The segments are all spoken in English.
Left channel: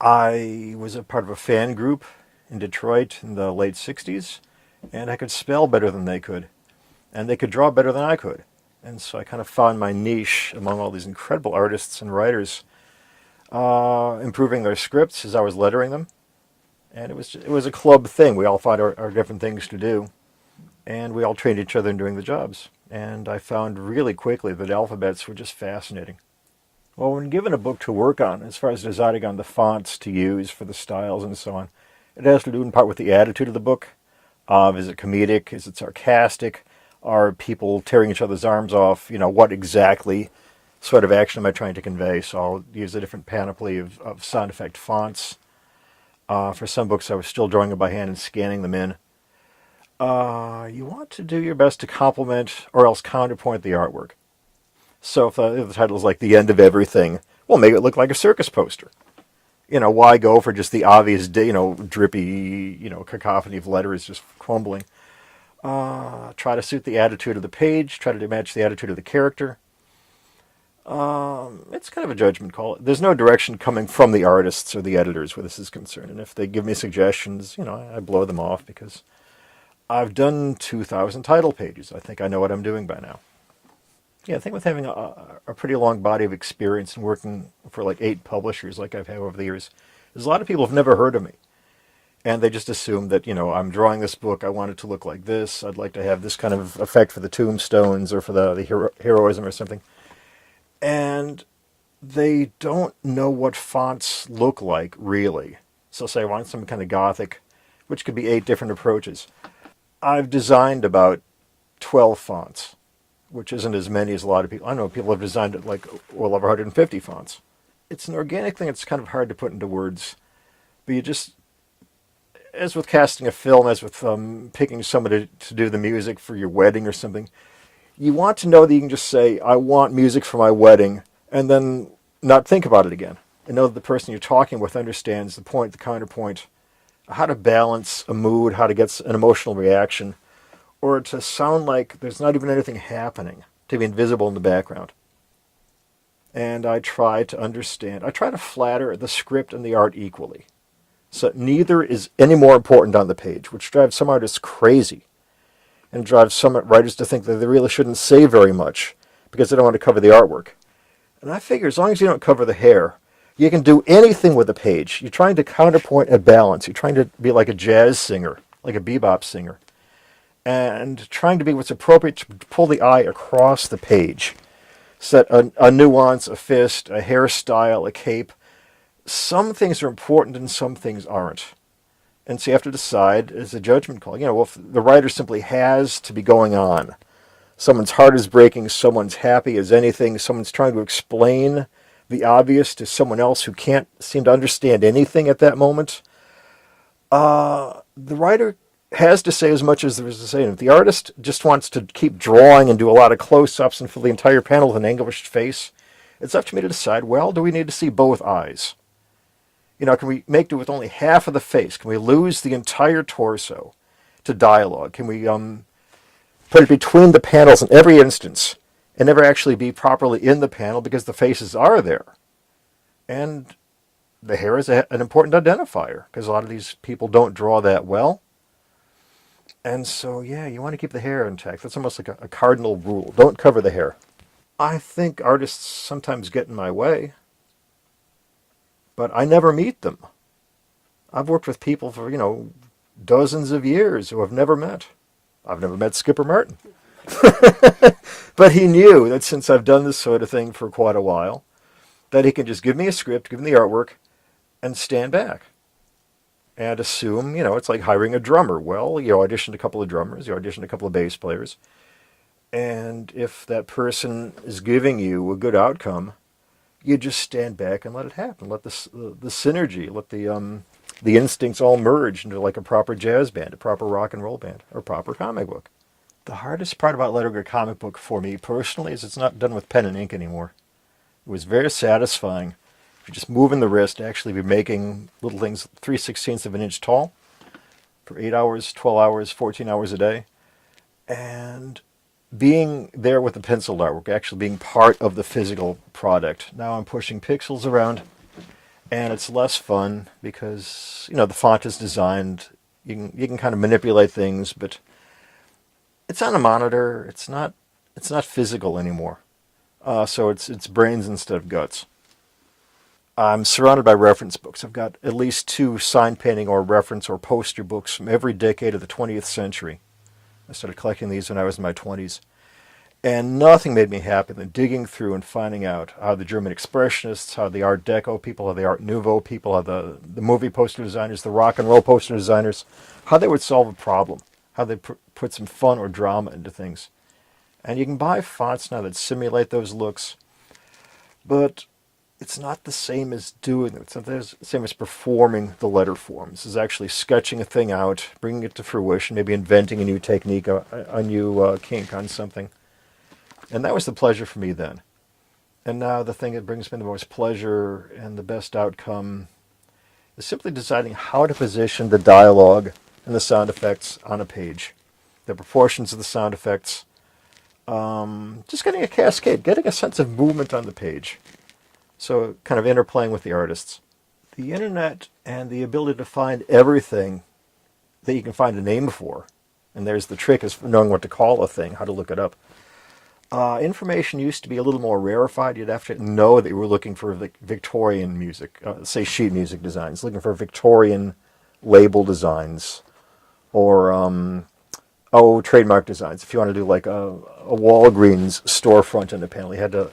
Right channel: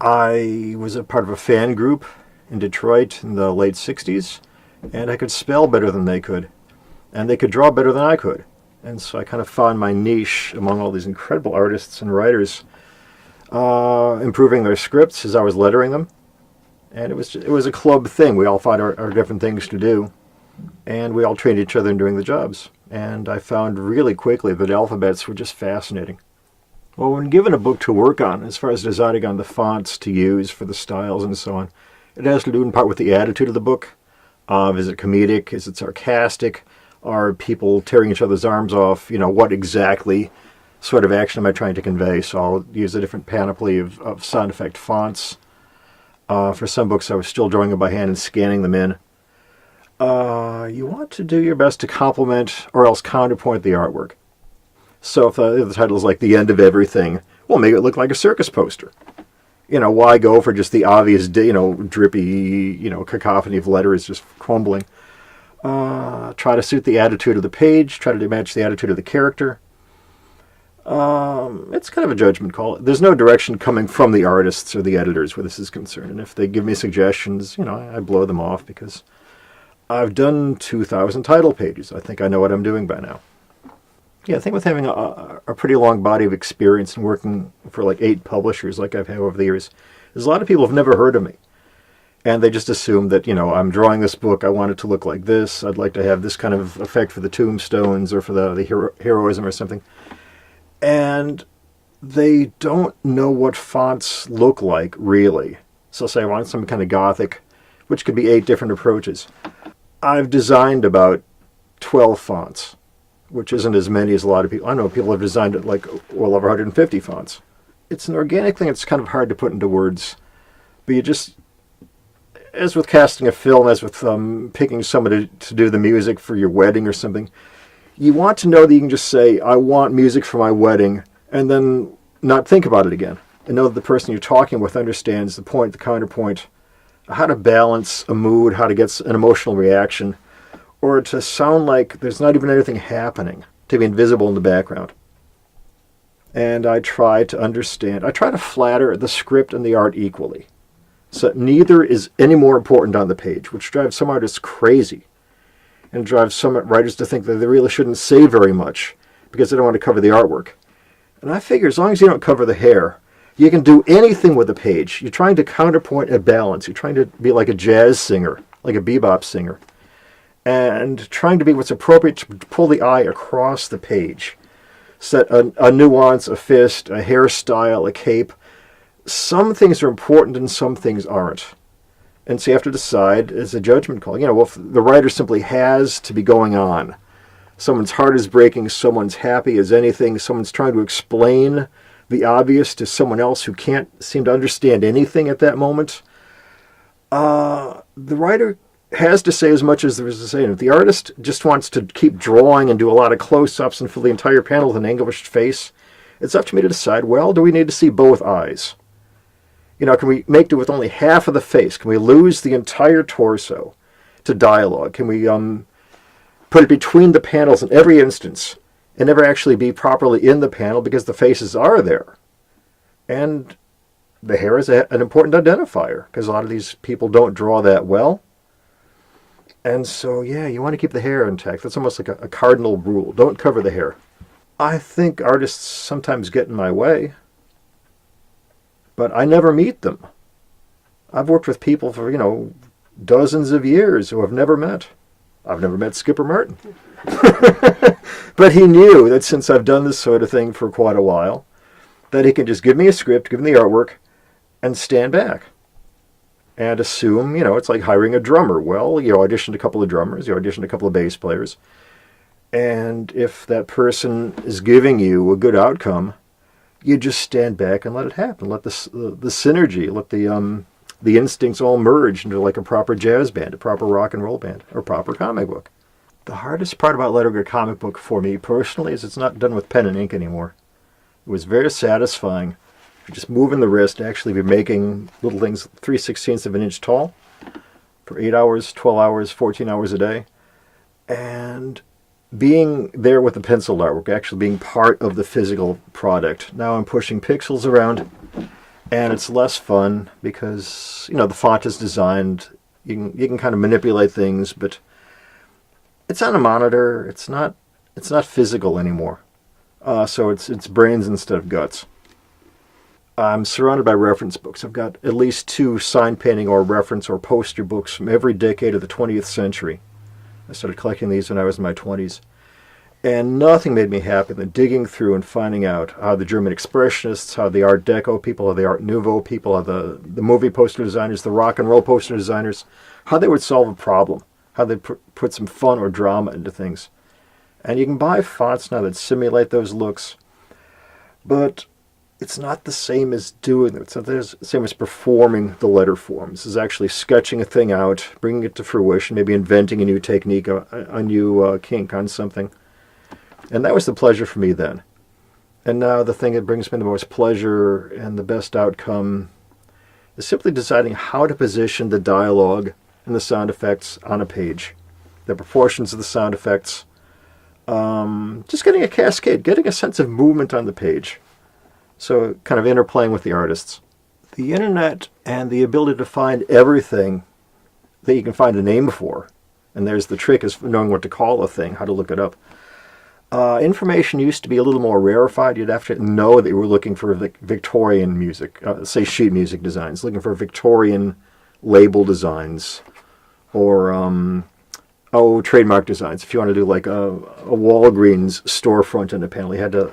I was a part of a fan group in Detroit in the late 60s, and I could spell better than they could, and they could draw better than I could. And so I kind of found my niche among all these incredible artists and writers, improving their scripts as I was lettering them. And it was a club thing. We all found our different things to do, and we all trained each other in doing the jobs. And I found really quickly that alphabets were just fascinating. Well, when given a book to work on, as far as deciding on the fonts to use for the styles and so on, it has to do in part with the attitude of the book. Is it comedic? Is it sarcastic? Are people tearing each other's arms off? What exactly sort of action am I trying to convey? So I'll use a different panoply of sound effect fonts. For some books, I was still drawing them by hand and scanning them in. You want to do your best to complement or else counterpoint the artwork. So if the title is like The End of Everything, well, make it look like a circus poster. Why go for just the obvious, drippy, cacophony of letters just crumbling? Try to suit the attitude of the page, try to match the attitude of the character. It's kind of a judgment call. There's no direction coming from the artists or the editors where this is concerned. And if they give me suggestions, I blow them off because I've done 2,000 title pages. I think I know what I'm doing by now. Yeah, I think with having a pretty long body of experience and working for like 8 publishers like I've had over the years, there's a lot of people who've never heard of me. And they just assume that, I'm drawing this book, I want it to look like this, I'd like to have this kind of effect for the tombstones or for the heroism or something. And they don't know what fonts look like, really. So say I want some kind of Gothic, which could be 8 different approaches. I've designed about 12 fonts, which isn't as many as a lot of people. I know people have designed it like well over 150 fonts. It's an organic thing. It's kind of hard to put into words. But you just, as with casting a film, as with picking somebody to do the music for your wedding or something, you want to know that you can just say, I want music for my wedding, and then not think about it again. And know that the person you're talking with understands the point, the counterpoint, how to balance a mood, how to get an emotional reaction, or to sound like there's not even anything happening, to be invisible in the background. And I try to flatter the script and the art equally. So neither is any more important on the page, which drives some artists crazy, and drives some writers to think that they really shouldn't say very much, because they don't want to cover the artwork. And I figure as long as you don't cover the hair, you can do anything with a page. You're trying to counterpoint and balance. You're trying to be like a jazz singer, like a bebop singer, and trying to be what's appropriate to pull the eye across the page. Set a nuance, a fist, a hairstyle, a cape. Some things are important and some things aren't. And so you have to decide as a judgment call. If the writer simply has to be going on. Someone's heart is breaking, someone's happy as anything, someone's trying to explain the obvious to someone else who can't seem to understand anything at that moment. The writer has to say as much as there is to say. And if the artist just wants to keep drawing and do a lot of close-ups and fill the entire panel with an anguished face, it's up to me to decide, well, do we need to see both eyes? Can we make do with only half of the face? Can we lose the entire torso to dialogue? Can we put it between the panels in every instance and never actually be properly in the panel because the faces are there? And the hair is an important identifier because a lot of these people don't draw that well. And so, yeah, you want to keep the hair intact. That's almost like a cardinal rule. Don't cover the hair. I think artists sometimes get in my way, but I never meet them. I've worked with people for, dozens of years who I've never met. I've never met Skipper Martin. But he knew that since I've done this sort of thing for quite a while, that he can just give me a script, give me the artwork, and stand back. And assume, it's like hiring a drummer. Well, you auditioned a couple of drummers, you auditioned a couple of bass players. And if that person is giving you a good outcome, you just stand back and let it happen. Let the synergy, let the instincts all merge into like a proper jazz band, a proper rock and roll band, or proper comic book. The hardest part about lettering a comic book for me personally is it's not done with pen and ink anymore. It was very satisfying. Just moving the wrist, actually be making little things 3/16 of an inch tall for 8 hours, 12 hours, 14 hours a day. And being there with the pencil artwork, actually being part of the physical product. Now I'm pushing pixels around, And it's less fun because, the font is designed, you can kind of manipulate things, but it's on a monitor. It's not physical anymore. So it's brains instead of guts. I'm surrounded by reference books. I've got at least 2 sign painting or reference or poster books from every decade of the 20th century. I started collecting these when I was in my 20s. And nothing made me happier than digging through and finding out how the German Expressionists, how the Art Deco people, how the Art Nouveau people, how the movie poster designers, the rock and roll poster designers, how they would solve a problem, how they put some fun or drama into things. And you can buy fonts now that simulate those looks, but it's not the same as doing it. It's not the same as performing the letter form. This is actually sketching a thing out, bringing it to fruition, maybe inventing a new technique, a new kink on something. And that was the pleasure for me then. And now the thing that brings me the most pleasure and the best outcome is simply deciding how to position the dialogue and the sound effects on a page. The proportions of the sound effects. Just getting a cascade, getting a sense of movement on the page. So kind of interplaying with the artists. The internet and the ability to find everything that you can find a name for. And there's the trick, is knowing what to call a thing, how to look it up. Information used to be a little more rarefied. You'd have to know that you were looking for Victorian music, say sheet music designs, looking for Victorian label designs, or trademark designs. If you want to do like a Walgreens storefront in a panel, you had to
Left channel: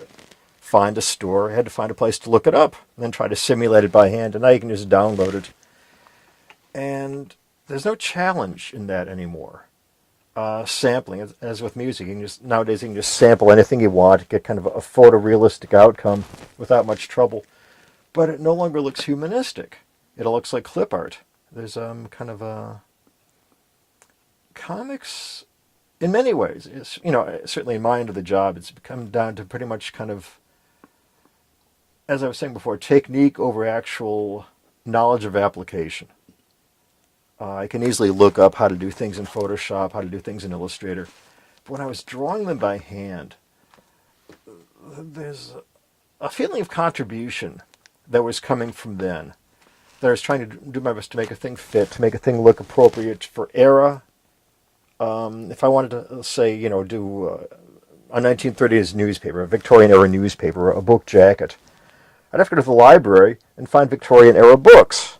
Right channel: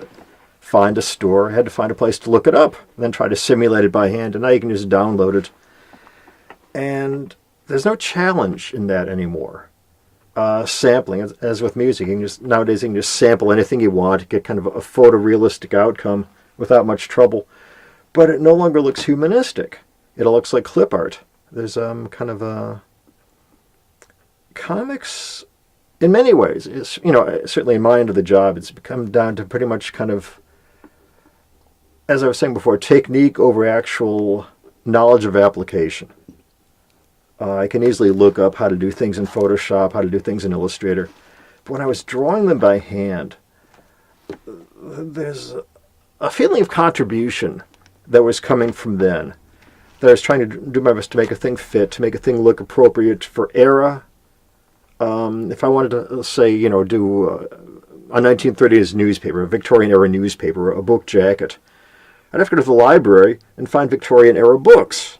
find a store, you had to find a place to look it up, and then try to simulate it by hand, and now you can just download it. And there's no challenge in that anymore. Sampling, as with music, nowadays you can just sample anything you want, get kind of a photorealistic outcome without much trouble. But it no longer looks humanistic. It looks like clip art. There's kind of a comics, in many ways, is, certainly in my end of the job, it's become down to pretty much kind of, as I was saying before, technique over actual knowledge of application. I can easily look up how to do things in Photoshop, how to do things in Illustrator. But when I was drawing them by hand, there's a feeling of contribution that was coming from then. That I was trying to do my best to make a thing fit, to make a thing look appropriate for era. If I wanted to, say, do a 1930s newspaper, a Victorian-era newspaper, a book jacket, I'd have to go to the library and find Victorian-era books.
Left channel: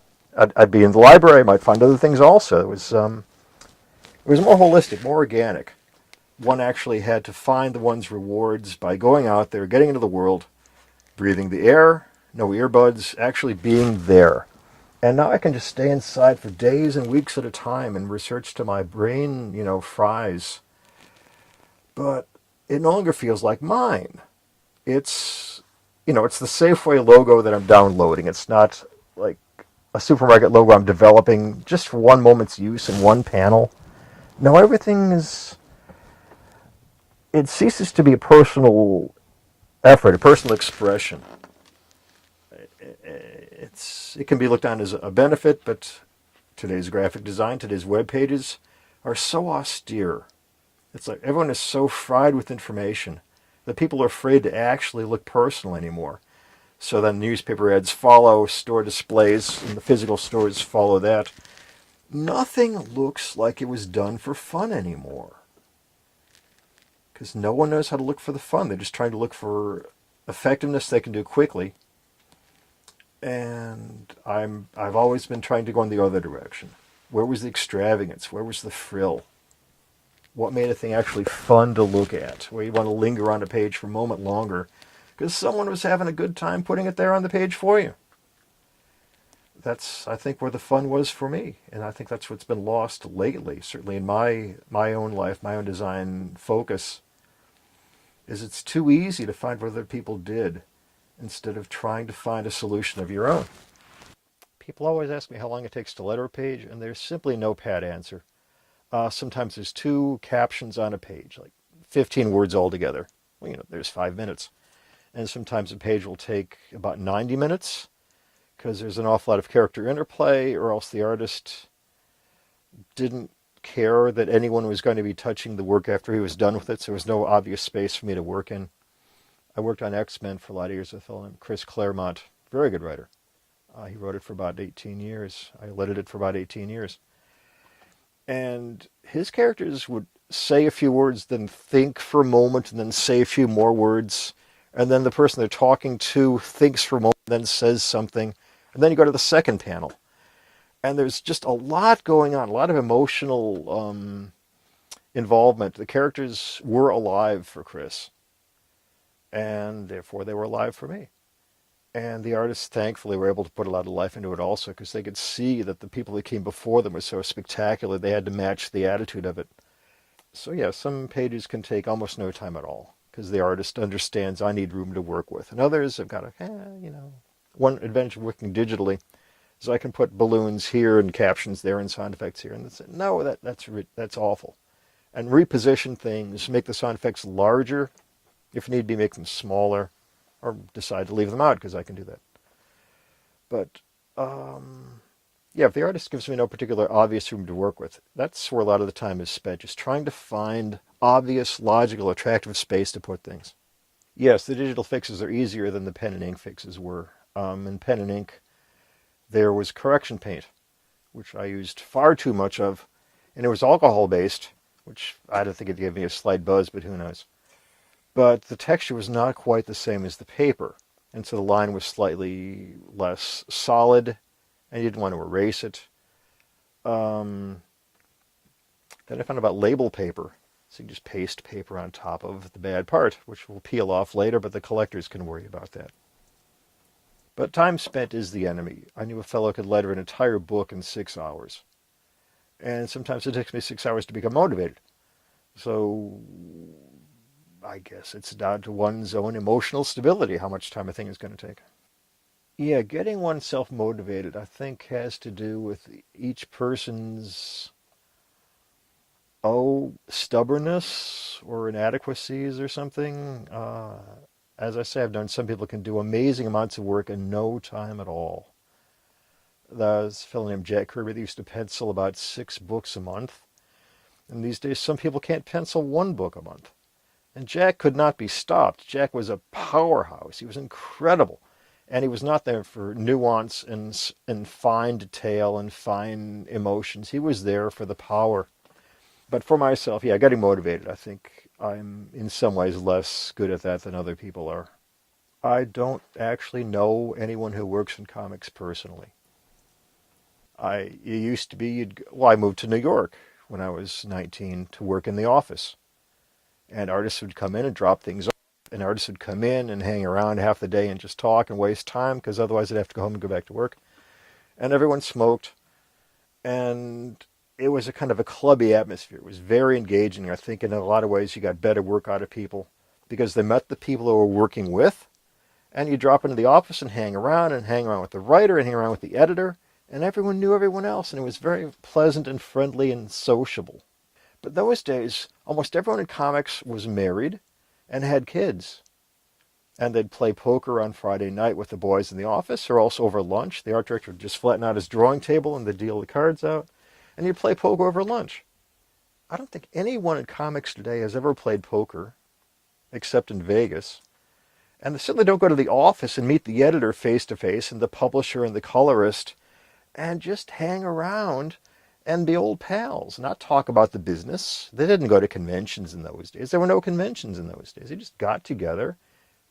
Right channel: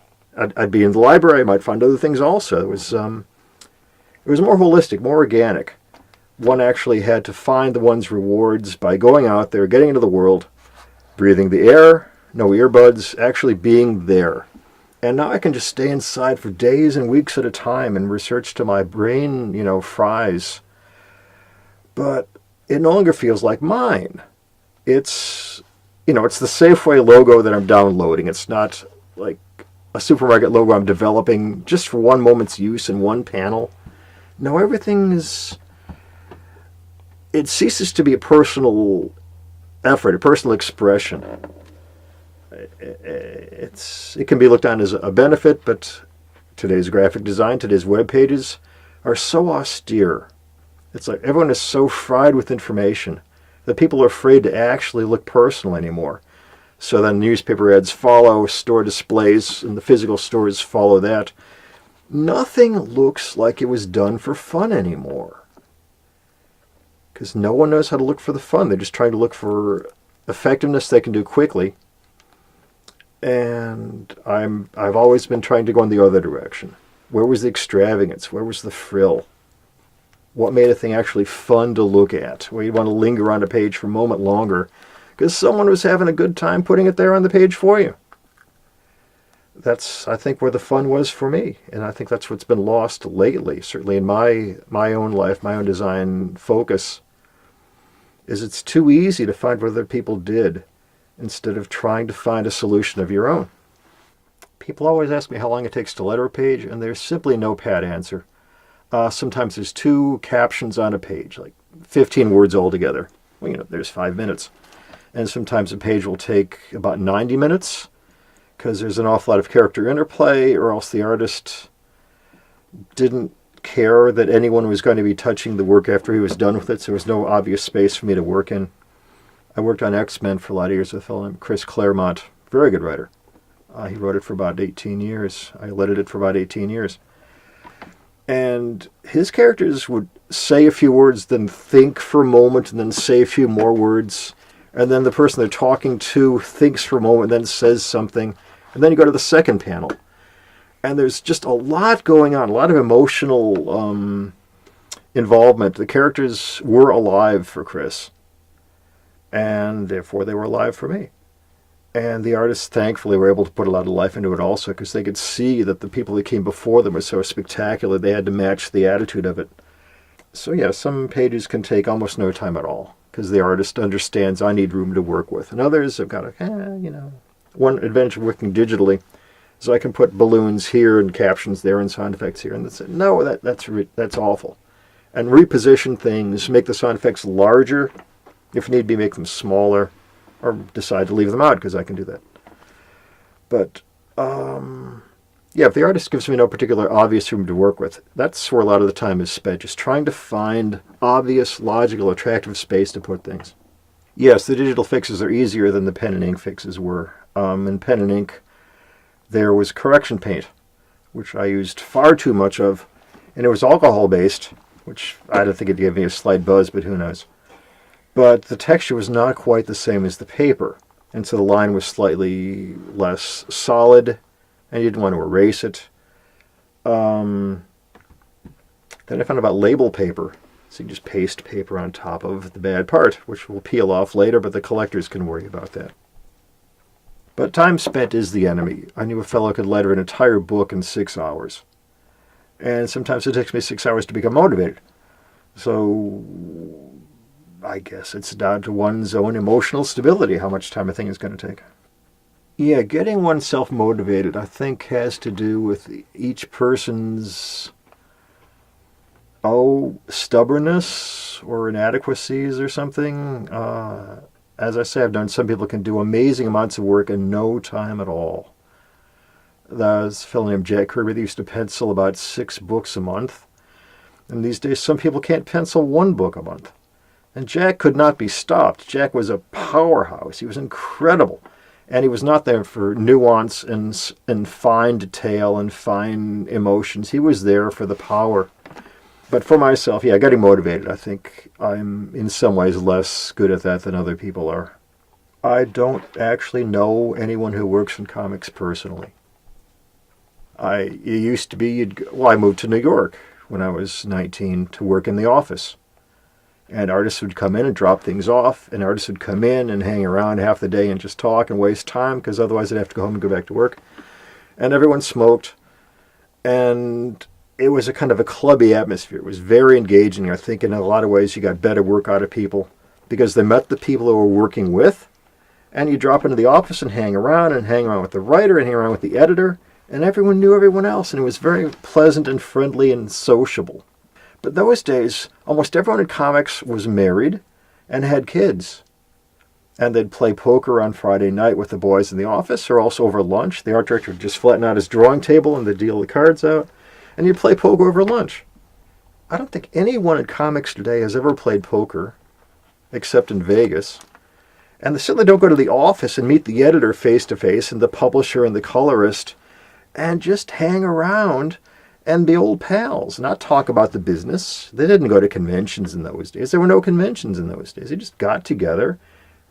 I'd be in the library, I might find other things also. It was more holistic, more organic. One actually had to find the one's rewards by going out there, getting into the world, breathing the air, no earbuds, actually being there. And now I can just stay inside for days and weeks at a time and research till my brain, fries. But it no longer feels like mine. It's, it's the Safeway logo that I'm downloading. It's not like a supermarket logo I'm developing just for one moment's use in one panel. No, everything is... It ceases to be a personal effort, a personal expression. It can be looked on as a benefit, but today's graphic design, today's web pages are so austere. It's like everyone is so fried with information that people are afraid to actually look personal anymore. So then newspaper ads follow, store displays, and the physical stores follow that. Nothing looks like it was done for fun anymore. Because no one knows how to look for the fun. They're just trying to look for effectiveness they can do quickly. And I've always been trying to go in the other direction. Where was the extravagance? Where was the frill? What made a thing actually fun to look at? Where you want to linger on a page for a moment longer because someone was having a good time putting it there on the page for you. That's, I think, where the fun was for me. And I think that's what's been lost lately, certainly in my own life, my own design focus, is it's too easy to find what other people did instead of trying to find a solution of your own. People always ask me how long it takes to letter a page, and there's simply no pat answer. Sometimes there's 2 captions on a page, like 15 words altogether. Well, there's 5 minutes. And sometimes a page will take about 90 minutes because there's an awful lot of character interplay, or else the artist didn't care that anyone was going to be touching the work after he was done with it, so there was no obvious space for me to work in. I worked on X-Men for a lot of years with a fellow named Chris Claremont, very good writer. He wrote it for about 18 years. I edited it for about 18 years. And his characters would say a few words, then think for a moment, and then say a few more words. And then the person they're talking to thinks for a moment, then says something. And then you go to the second panel. And there's just a lot going on, a lot of emotional involvement. The characters were alive for Chris. And therefore they were alive for me. And the artists, thankfully, were able to put a lot of life into it also, because they could see that the people that came before them were so spectacular, they had to match the attitude of it. So yeah, some pages can take almost no time at all, because the artist understands I need room to work with. And others have got one advantage of working digitally is I can put balloons here and captions there and sound effects here. And that's it. No, that's awful. And reposition things, make the sound effects larger, if need be, make them smaller, or decide to leave them out, because I can do that. But, yeah, if the artist gives me no particular obvious room to work with, that's where a lot of the time is spent, just trying to find obvious, logical, attractive space to put things. Yes, the digital fixes are easier than the pen and ink fixes were. In pen and ink, there was correction paint, which I used far too much of, and it was alcohol-based, which I don't think it gave me a slight buzz, but who knows. But the texture was not quite the same as the paper, and so the line was slightly less solid, and you didn't want to erase it. Then I found about label paper, so you just paste paper on top of the bad part, which will peel off later, but the collectors can worry about that. But time spent is the enemy. I knew a fellow could letter an entire book in 6 hours, and sometimes it takes me 6 hours to become motivated. So I guess it's down to one's own emotional stability, how much time a thing is going to take. Yeah, getting oneself motivated, I think, has to do with each person's, stubbornness or inadequacies or something. As I say, I've known some people can do amazing amounts of work in no time at all. There's a fellow named Jack Kirby that used to pencil about 6 books a month. And these days, some people can't pencil 1 book a month. And Jack could not be stopped. Jack was a powerhouse. He was incredible. And he was not there for nuance and fine detail and fine emotions. He was there for the power. But for myself, yeah, getting motivated, I think I'm in some ways less good at that than other people are. I don't actually know anyone who works in comics personally. It used to be, I moved to New York when I was 19 to work in the office. And artists would come in and drop things off, and artists would come in and hang around half the day and just talk and waste time, because otherwise they'd have to go home and go back to work. And everyone smoked, and it was a kind of a clubby atmosphere. It was very engaging. I think in a lot of ways you got better work out of people, because they met the people they were working with, and you drop into the office and hang around with the writer and hang around with the editor, and everyone knew everyone else, and it was very pleasant and friendly and sociable. But those days, almost everyone in comics was married and had kids. And they'd play poker on Friday night with the boys in the office, or also over lunch. The art director would just flatten out his drawing table and they'd deal the cards out, and you'd play poker over lunch. I don't think anyone in comics today has ever played poker, except in Vegas. And they certainly don't go to the office and meet the editor face-to-face and the publisher and the colorist and just hang around and be old pals, not talk about the business. They didn't go to conventions in those days. There were no conventions in those days. They just got together,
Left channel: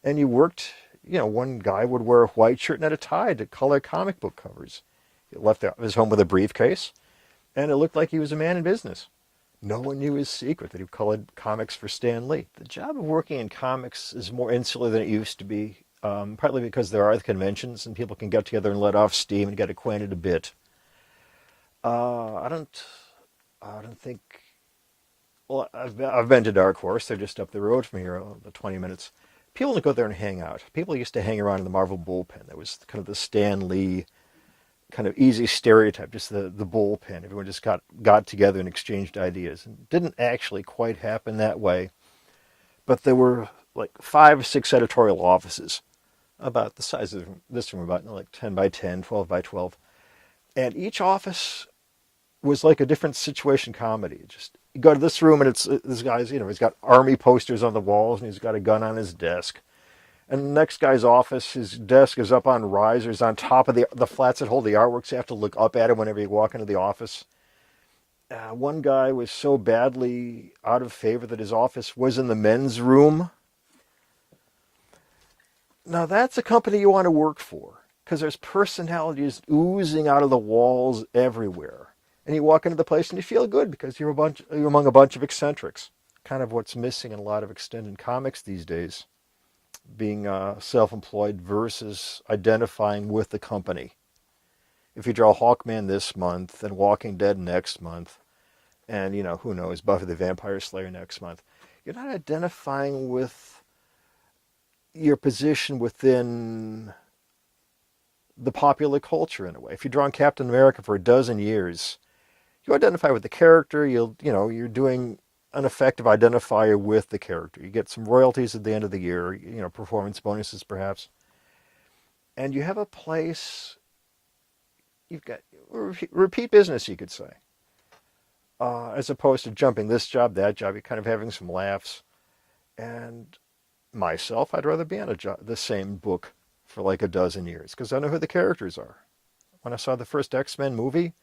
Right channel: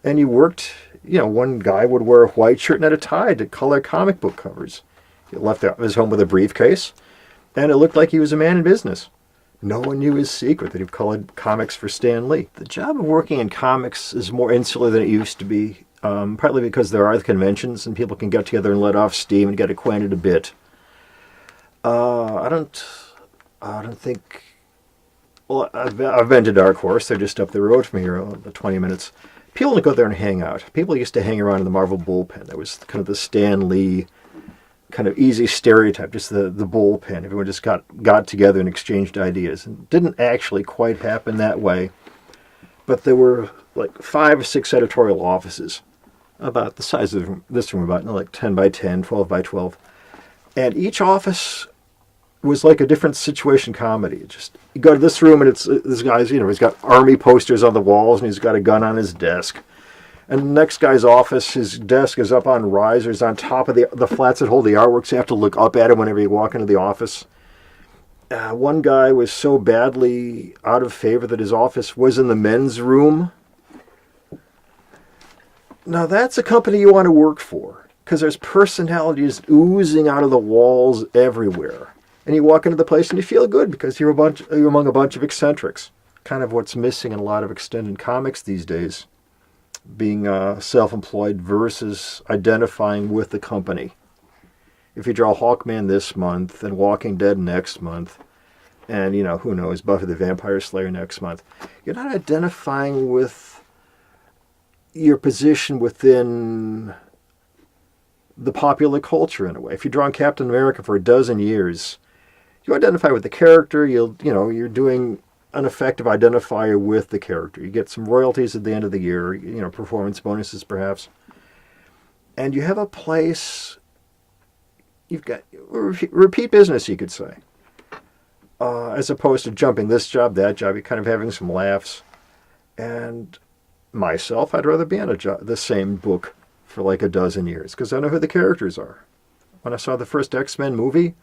and you worked. One guy would wear a white shirt and had a tie to color comic book covers. He left his home with a briefcase, and it looked like he was a man in business. No one knew his secret, that he colored comics for Stan Lee. The job of working in comics is more insular than it used to be, partly because there are the conventions, and people can get together and let off steam and get acquainted a bit. I don't think. Well, I've been to Dark Horse. They're just up the road from here, about 20 minutes. People don't go there and hang out. People used to hang around in the Marvel bullpen. That was kind of the Stan Lee kind of easy stereotype, just the bullpen. Everyone just got together and exchanged ideas. And it didn't actually quite happen that way. But there were like 5 or 6 editorial offices, about the size of this room, about like 10 by 10, 12 by 12. And each office was like a different situation comedy. You go to this room and it's this guy's, he's got army posters on the walls and he's got a gun on his desk. And the next guy's office, his desk is up on risers on top of the flats that hold the artwork, so you have to look up at it whenever you walk into the office. One guy was so badly out of favor that his office was in the men's room. Now that's a company you want to work for, because there's personalities oozing out of the walls everywhere. And you walk into the place and you feel good because you're among a bunch of eccentrics. Kind of what's missing in a lot of extended comics these days. Being self-employed versus identifying with the company. If you draw Hawkman this month and Walking Dead next month, and, who knows, Buffy the Vampire Slayer next month, you're not identifying with your position within the popular culture in a way. If you're drawing Captain America for a dozen years, you identify with the character, you're doing an effective identifier with the character. You get some royalties at the end of the year, performance bonuses perhaps. And you have a place, you've got repeat business, you could say. As opposed to jumping this job, that job, you're kind of having some laughs. And myself, I'd rather be on the same book for like a dozen years, because I know who the characters are. When I saw the first X-Men movie,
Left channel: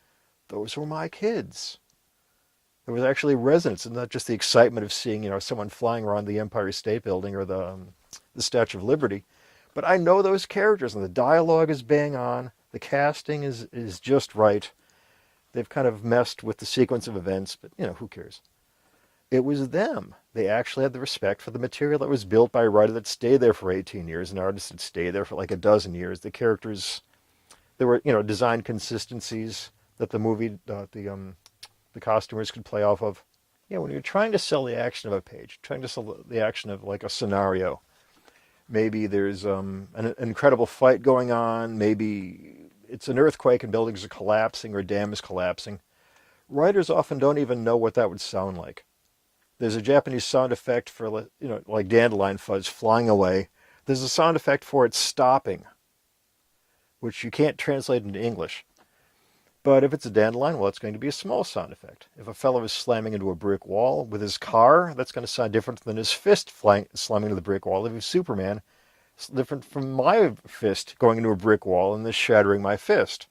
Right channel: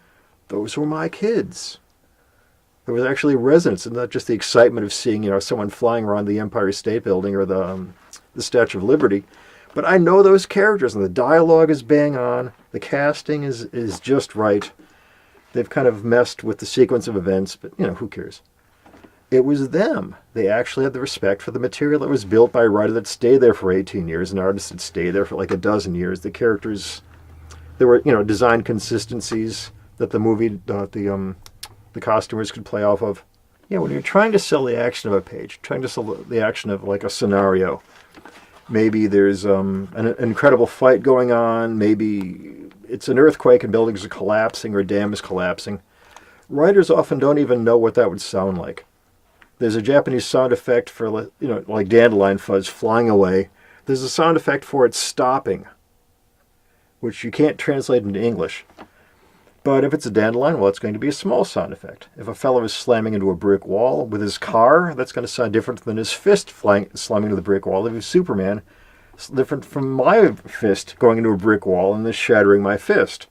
those were my kids. There was actually resonance, and not just the excitement of seeing, someone flying around the Empire State Building or the Statue of Liberty. But I know those characters, and the dialogue is bang on. The casting is just right. They've kind of messed with the sequence of events, but, who cares? It was them. They actually had the respect for the material that was built by a writer that stayed there for 18 years, an artist that stayed there for like a dozen years. The characters, there were, design consistencies that the movie, the costumers could play off of. When you're trying to sell the action of a page, trying to sell the action of like a scenario, maybe there's an incredible fight going on, maybe it's an earthquake and buildings are collapsing or a dam is collapsing. Writers often don't even know what that would sound like. There's a Japanese sound effect for, like dandelion fuzz flying away. There's a sound effect for it stopping, which you can't translate into English. But if it's a dandelion, well, it's going to be a small sound effect. If a fellow is slamming into a brick wall with his car, that's going to sound different than his fist slamming into the brick wall. If he's Superman, it's different from my fist going into a brick wall and this shattering my fist.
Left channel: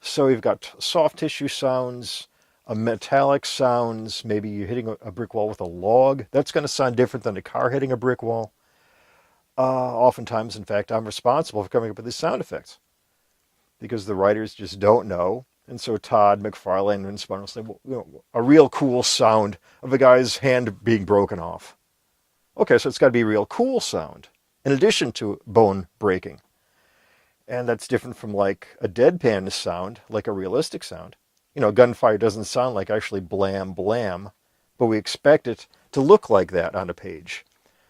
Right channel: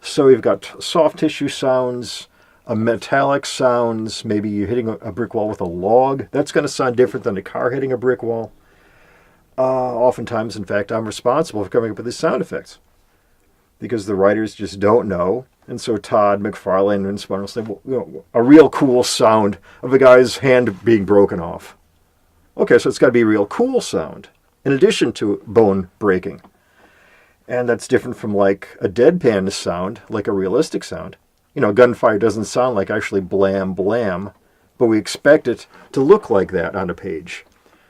So you've got soft tissue sounds, metallic sounds, maybe you're hitting a brick wall with a log. That's going to sound different than a car hitting a brick wall. Oftentimes, in fact, I'm responsible for coming up with these sound effects because the writers just don't know. And so Todd McFarlane and Spun will say, a real cool sound of a guy's hand being broken off. Okay, so it's got to be a real cool sound, in addition to bone breaking. And that's different from like a deadpan sound, like a realistic sound. Gunfire doesn't sound like actually blam, blam, but we expect it to look like that on a page.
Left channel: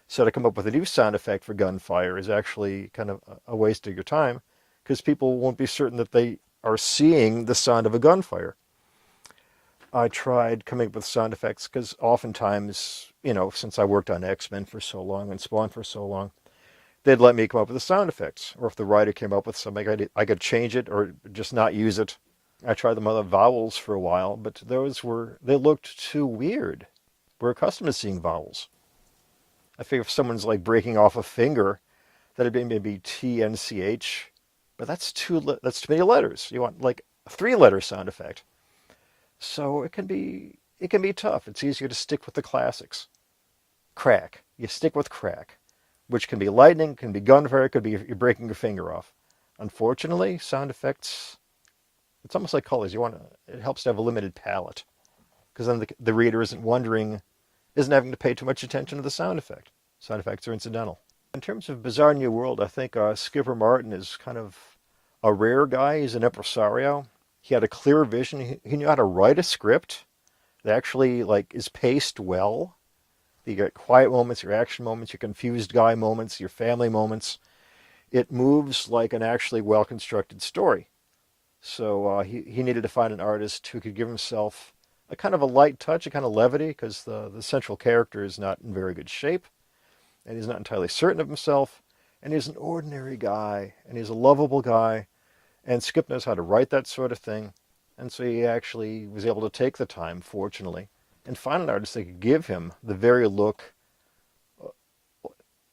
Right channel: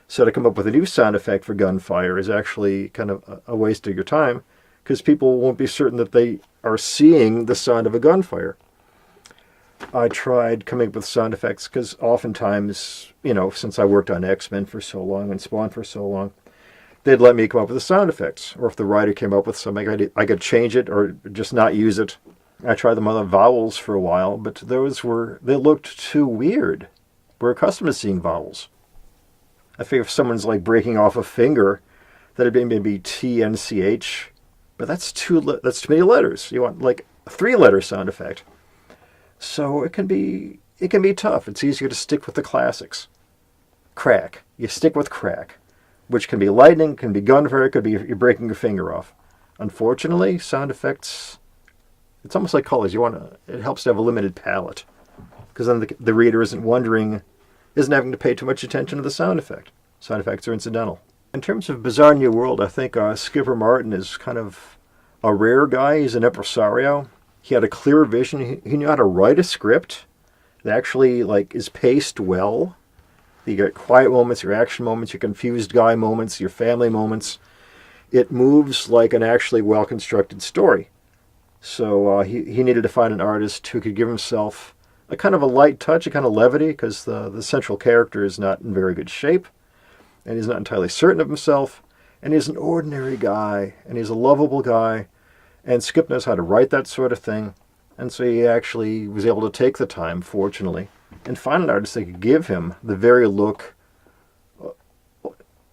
So to come up with a new sound effect for gunfire is actually kind of a waste of your time, because people won't be certain that they are seeing the sound of a gunfire. I tried coming up with sound effects because oftentimes, since I worked on X-Men for so long and Spawn for so long, they'd let me come up with the sound effects. Or if the writer came up with something, I could change it or just not use it. I tried them on the vowels for a while, but they looked too weird. We're accustomed to seeing vowels. I figure if someone's like breaking off a finger, that'd be maybe T, N, C, H. But that's too many letters. You want like a 3-letter sound effect. So it can be tough. It's easier to stick with the classics. Crack. You stick with crack, which can be lightning, can be gunfire, it could be you're breaking your finger off. Unfortunately, sound effects, it's almost like colors. It helps to have a limited palette, because then the reader isn't having to pay too much attention to the sound effect. Sound effects are incidental. In terms of Bizarre New World, I think Skipper Martin is kind of a rare guy. He's an impresario. He had a clear vision. He knew how to write a script that actually is paced well. You get quiet moments, your action moments, your confused guy moments, your family moments. It moves like an actually well-constructed story. So he needed to find an artist who could give himself a kind of a light touch, a kind of levity, because the central character is not in very good shape, and he's not entirely certain of himself, and he's an ordinary guy, and he's a lovable guy, and Skip knows how to write that sort of thing, and so he actually was able to take the time, fortunately, and find an artist that could give him the very look,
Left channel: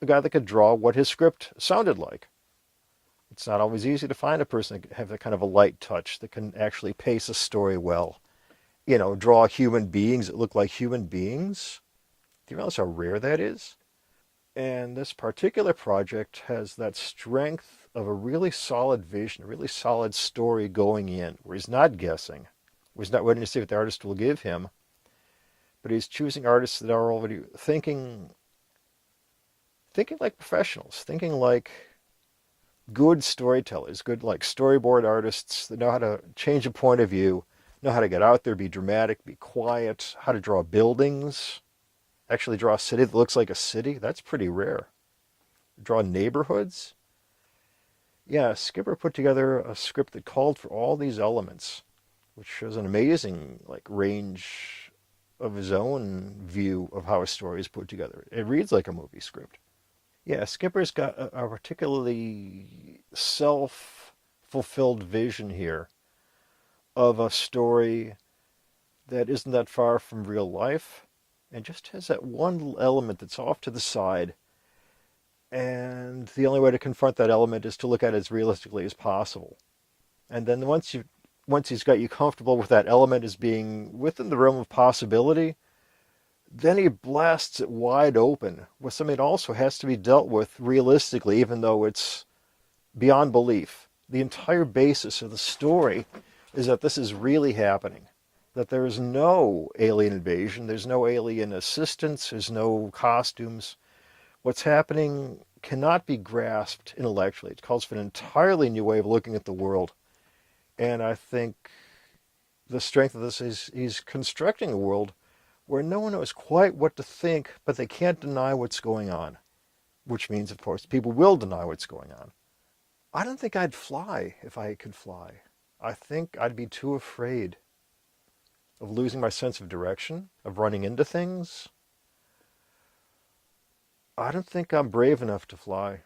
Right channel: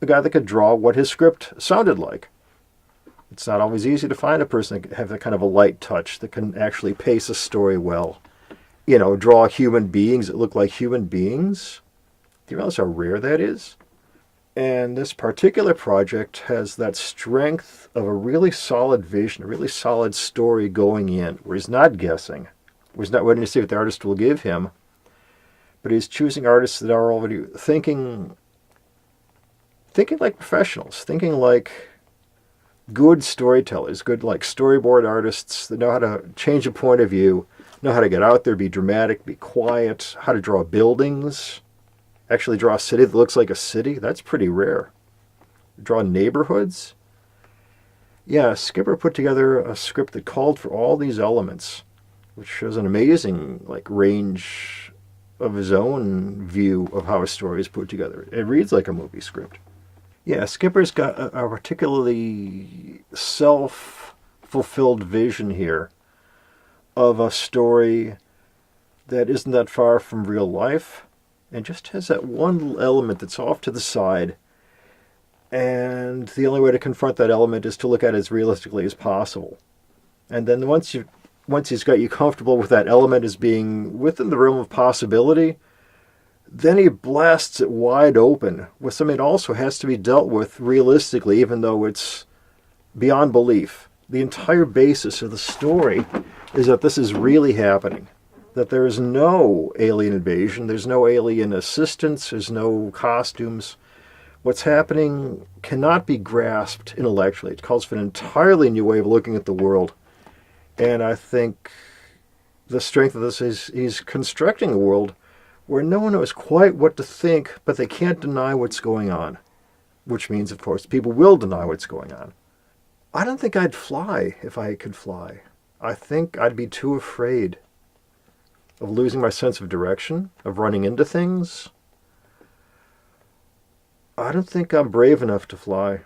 a guy that could draw what his script sounded like. It's not always easy to find a person that can have that kind of a light touch that can actually pace a story well. You know, draw human beings that look like human beings. Do you realize how rare that is? And this particular project has that strength of a really solid vision, a really solid story going in, where he's not guessing, where he's not waiting to see what the artist will give him, but he's choosing artists that are already thinking like professionals, thinking like good storytellers, good like storyboard artists that know how to change a point of view, know how to get out there, be dramatic, be quiet, how to draw buildings, actually draw a city that looks like a city. That's pretty rare. Draw neighborhoods. Yeah, Skipper put together a script that called for all these elements, which shows an amazing like range of his own view of how a story is put together. It reads like a movie script. Yeah, Skipper's got a particularly self-fulfilled vision here of a story that isn't that far from real life and just has that one element that's off to the side. And the only way to confront that element is to look at it as realistically as possible. And then once he's got you comfortable with that element as being within the realm of possibility, then he blasts it wide open with something that also has to be dealt with realistically, even though it's beyond belief. The entire basis of the story is that this is really happening, that there is no alien invasion, there's no alien assistance, there's no costumes. What's happening cannot be grasped intellectually. It calls for an entirely new way of looking at the world. And I think the strength of this is he's constructing a world where no one knows quite what to think, but they can't deny what's going on. Which means, of course, people will deny what's going on. I don't think I'd fly if I could fly. I think I'd be too afraid of losing my sense of direction, of running into things. I don't think I'm brave enough to fly.